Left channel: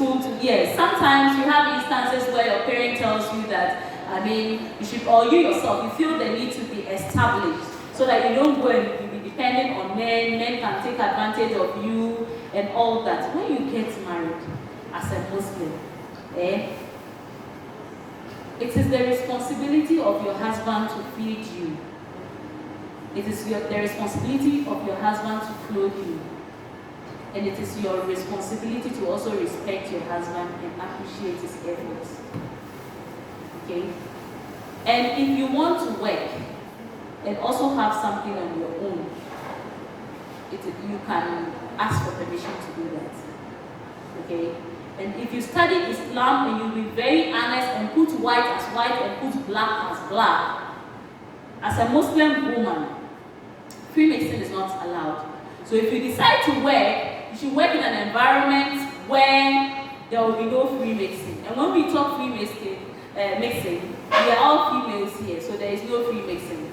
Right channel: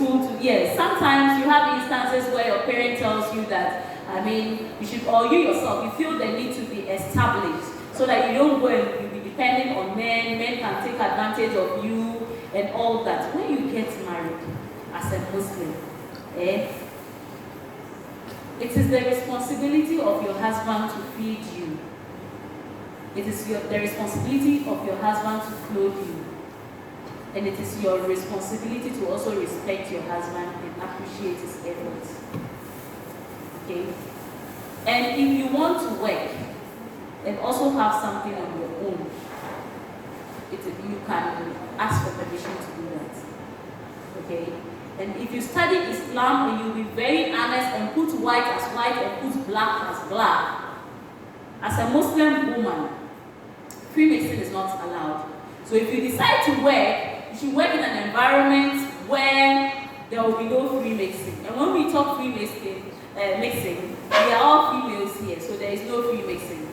school to, yes, sometimes you have instances where your parent tells you that, you should, or you yourself, you feel the need to be established so that you don't go and be dependent on men can take advantage of you and all that. When you get married as a Muslim, it is the responsibility of your husband to feed you. It is the responsibility of your husband to clothe you. And it is your responsibility to also respect your husband and appreciate his efforts. Okay? And if you want to work and also have something on your own, you can ask for permission to do that. Okay? And if you study Islam and you be very honest and put white as white and put black as black, as a Muslim woman, Freemason is not allowed. So if you decide to work, you should work in an environment where there will be no Freemason. And when we talk Freemason, mixing, we are all females here, so there is no Freemason.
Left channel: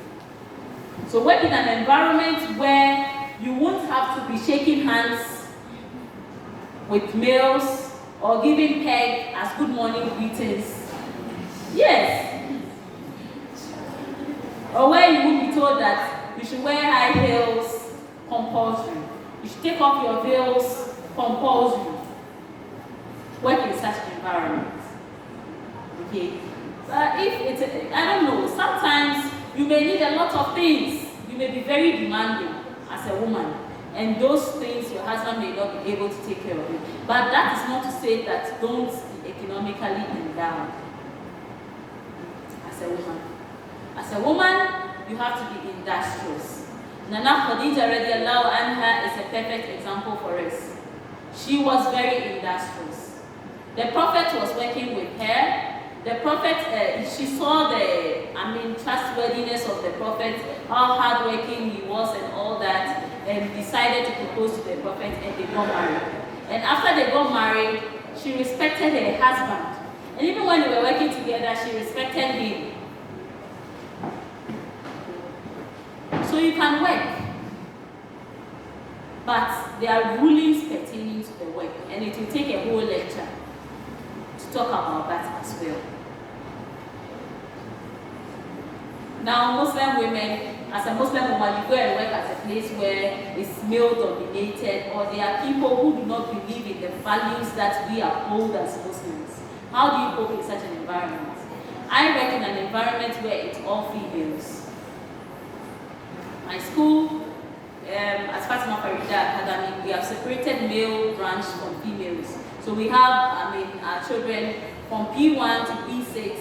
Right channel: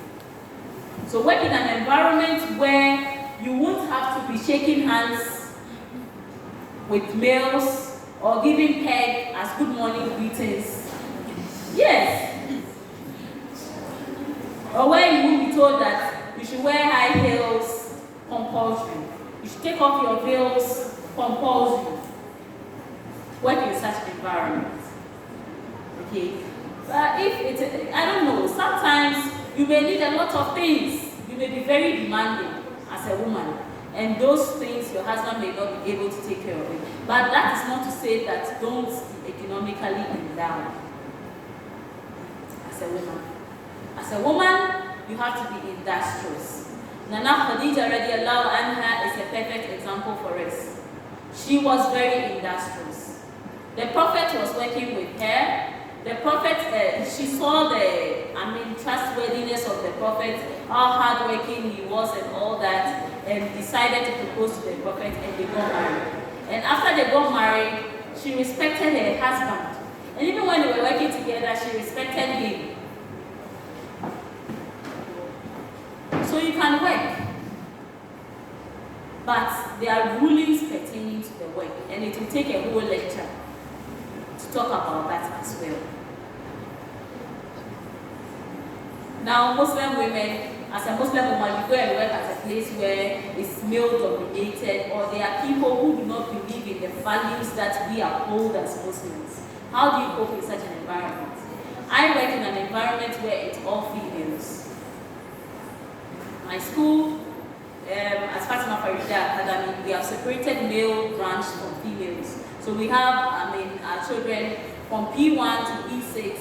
So work in an environment where you won't have to be shaking hands with males or giving peg as good morning greetings. Yes. Or where you will be told that you should wear high heels compulsory. You should take off your veils compulsory. Work in such environment. Okay? But if it's, I don't know, sometimes you may need a lot of things. You may be very demanding as a woman. And those things your husband may not be able to take care of it. But that is not to say that don't be economically endowed as a woman. As a woman, you have to be industrious. Nana Khadija radiallahu anha is a perfect example for us. She was very industrious. The Prophet was working with her. The Prophet, she saw the, trustworthiness of the Prophet, how hardworking he was and all that, and decided to propose to the Prophet, and they got married. And after they got married, she respected her husband. And even when they were working together, she respected him. So you can work, but there are rulings pertaining to the work, and it will take a whole lecture to talk about that as well. Now, Muslim women, as a Muslim woman, you go and work at a place where it's male-dominated, or there are people who do not believe in the values that we uphold as Muslims. How do you cope in such an environment? I work in an environment where it's all females. My school, as Fatima Farida Academy, we have separated male branch from females. So we have, our children from P1 to P6,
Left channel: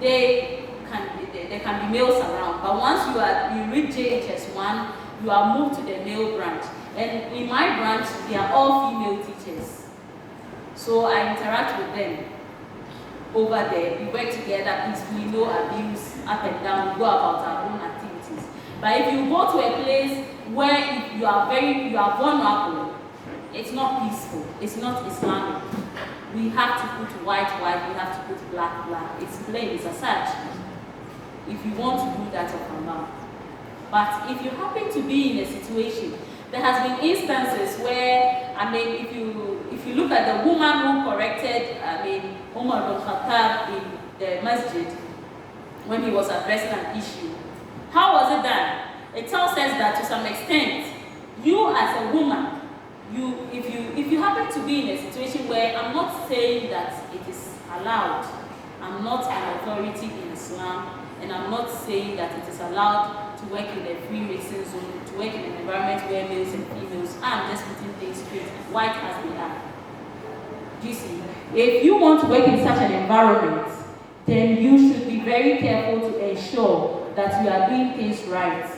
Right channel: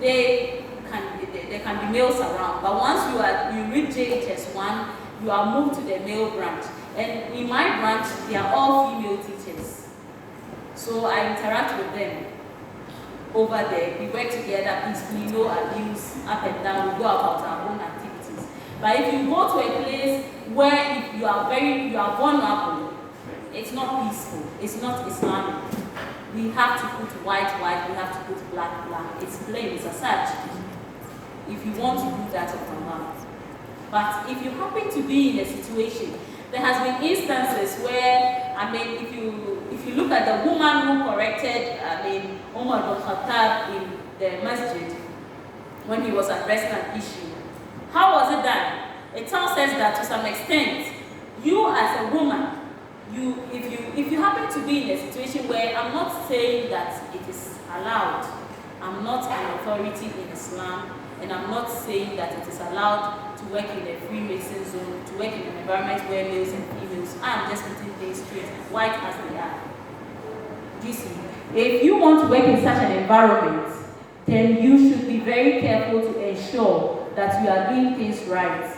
there can be males around. But once you reach JHS1, you are moved to the male branch. And in my branch, they are all female teachers. So I interact with them over there. We work together peacefully, no abuse, up and down. We go about our own activities. But if you go to a place where you are vulnerable, it's not peaceful. It's not Islamic. We have to put white, we have to put black. It's plain, it's a such. If you want to do that of Allah. But if you happen to be in a situation, there has been instances where, if you look at the woman who corrected, Umar bin Khattab in the masjid when he was addressing an issue. How was it done? It tells us that to some extent, you as a woman, if you happen to be in a situation where, I'm not saying that it is allowed, I'm not an authority in Islam, and I'm not saying that it is allowed to work in a Freemason zone, to work in an environment where males and females, I'm just putting things straight, white as they are. Do you see? If you want to work in such an environment, then you should be very careful to ensure that you are doing things right.